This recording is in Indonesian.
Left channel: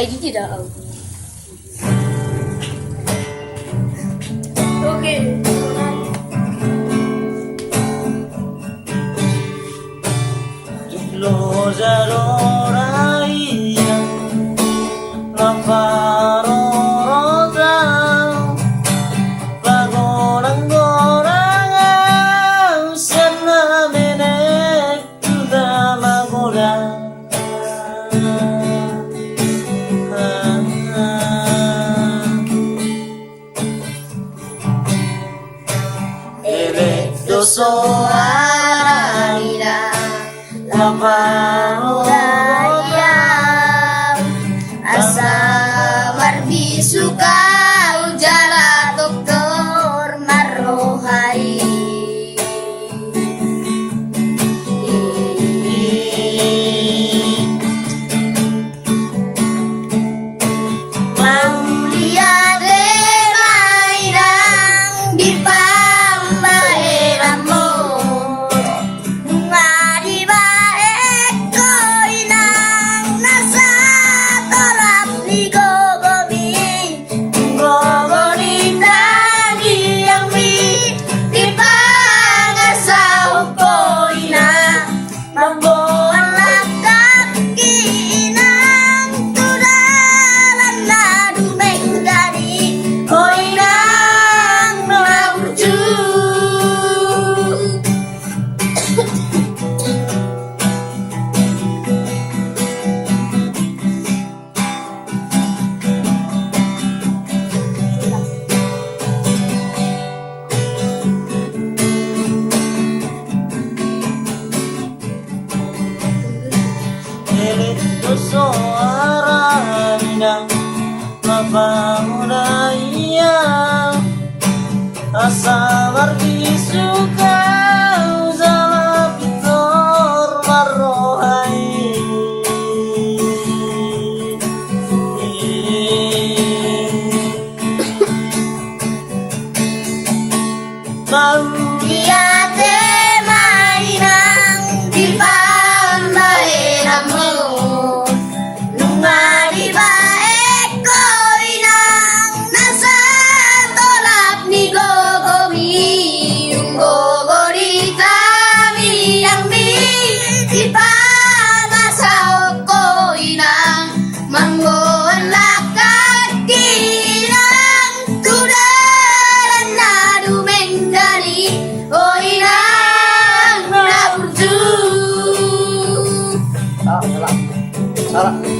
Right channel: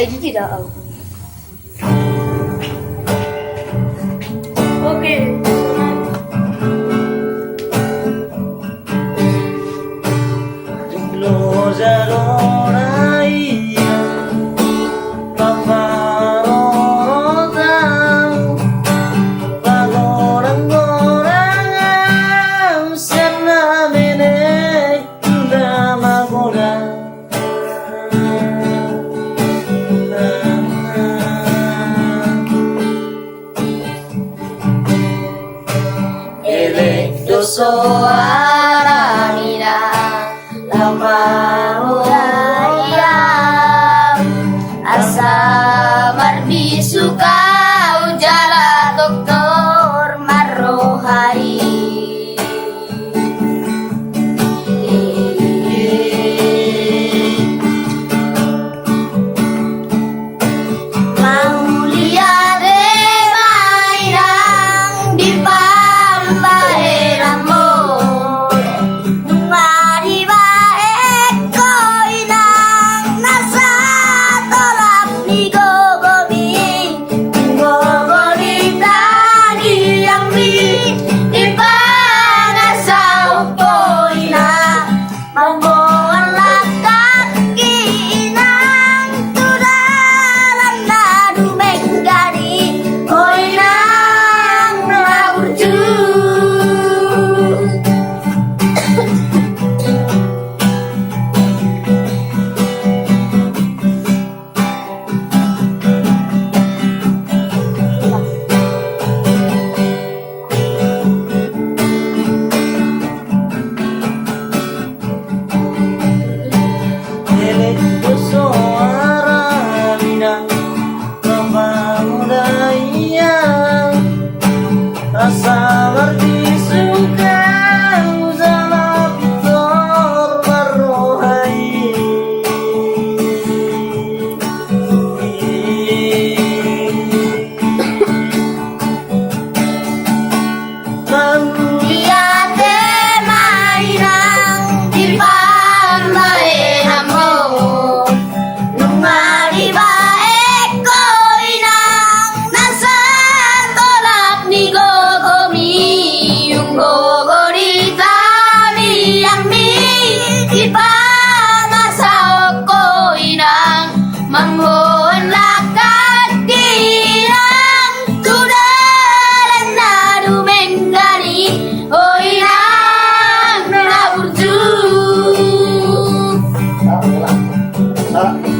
Ay, tidak. Oke. Lo jaroraia paparorotau pagorang-gorang sena menek kuda magoda elek dosoaranira Lamaroraya Asa mardi suka ujala doktor marohai. Maulia de mainang di palmaeramo Nungari baek koinang nasa tolak ni gogomi Gogolita diambi di pangasau koina Mamboan lakat inang tudalan na dumenggani Koinang naburju elek dosoaranira paparoraya asa mardi suka ujala doktor marohai Liate mainang di palmaeramo Nungari baek koinang nasa tolak ni gogomi Yung gogorita miyang mi di pangasau koinang Manggoan lakat kinang tudalan na dumenggani Koinang naburju salah